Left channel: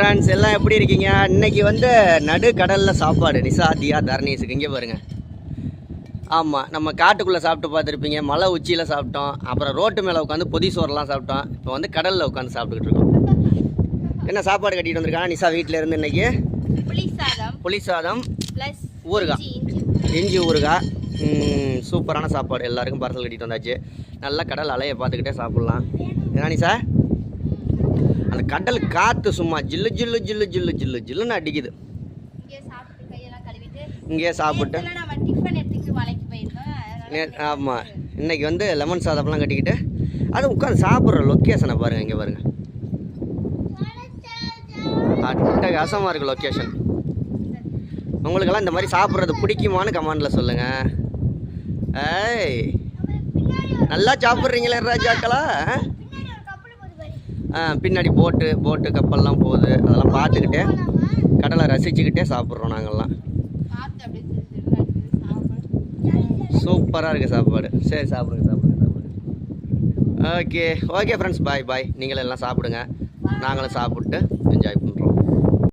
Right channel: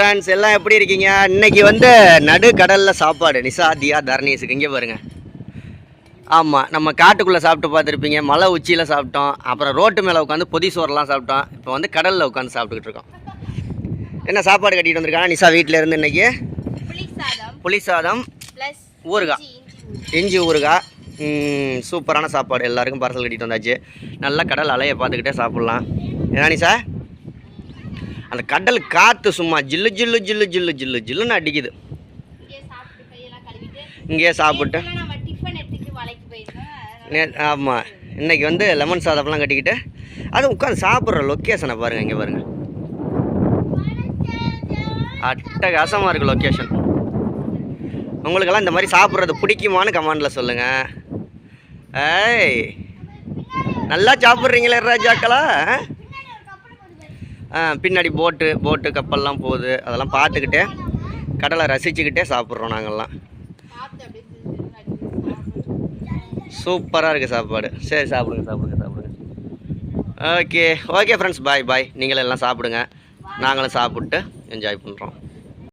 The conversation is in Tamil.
ஃப்ரெண்ட்ஸ் எல்லாம் எப்படி இருக்கீங்க? இன்னைக்கு வந்து நடு கடலில் சாப்பாடு நிசா தியா தர்ணீஸுக்கு. இங்கே பாருங்க. ஆமாம், நம்ம காட்டுக்குள்ளே சாப்பிட்டு பார்த்துருப்பீங்க. மலை உச்சியில் சாப்பிட்டோம், அப்புறம் ரோட்டு மேலே உட்காந்து பொதி சோறுலாம் சாப்பிட்டோம். இப்போ வந்து கடலில் உட்காந்து சாப்பிட்டுக்கிட்டு இருக்கோம். என்ன சாப்பாடு கட்டிகிட்டு வந்திருக்காங்க நிசா வீட்டில் இருந்து? இன்னைக்கு புளி சாதம் ஊறுகாய், இஞ்சி ஊறுகாய். சூப்பரான சாப்பாடு. எல்லாருக்கும் பார்சல் கட்டிட்டு வந்தாச்சு. நல்லா கடல் அலையை பார்த்துக்கிட்டே சாப்பிட்லாம். ஏன்னா நிசா அந்த கடல் காற்று சும்மா ஜில்லு ஜில்லு ஜில்லு ஜில்லு ஜில்லு ஜில்லுன்னு அடிக்குது. இங்கேயே சாப்பிட்டு ஆமாம், இன்றைக்கி வந்து லெமன் சாதம்லாம் கட்டிக்கிட்டு அது உட்காந்து சாப்பிட்ற லொக்கேஷனை பாருங்கள். இங்கே பாருங்கள், அட்டகாசமாக இருக்குது லொக்கேஷன். உங்களுக்கெல்லாம் இந்த மாதிரி சாப்பிட்றது பிடிக்குமான்னு கமெண்டில் சொல்லுங்கள். ஏய், நல்லா சாப்பிட்றீங்களே ராஜாக்களா. பின்னாடி போட்டு கப்பல்லாம் போகுது. அதெல்லாம் பார்த்துக்கிட்டே கடலை ரசிச்சுக்கிட்டே சாப்பிட்றோம் நாங்கள்லாம். சூப்பராக இருக்குது சாப்பாடு. சரி, சாப்பிடுங்க. ஓகே ஃப்ரெண்ட்ஸ், பாய். நீங்களும் எல்லாம் சாப்பிடுங்க. நாங்களும் சாப்பிட்டு என்ஜாய் பண்ணுறோம்.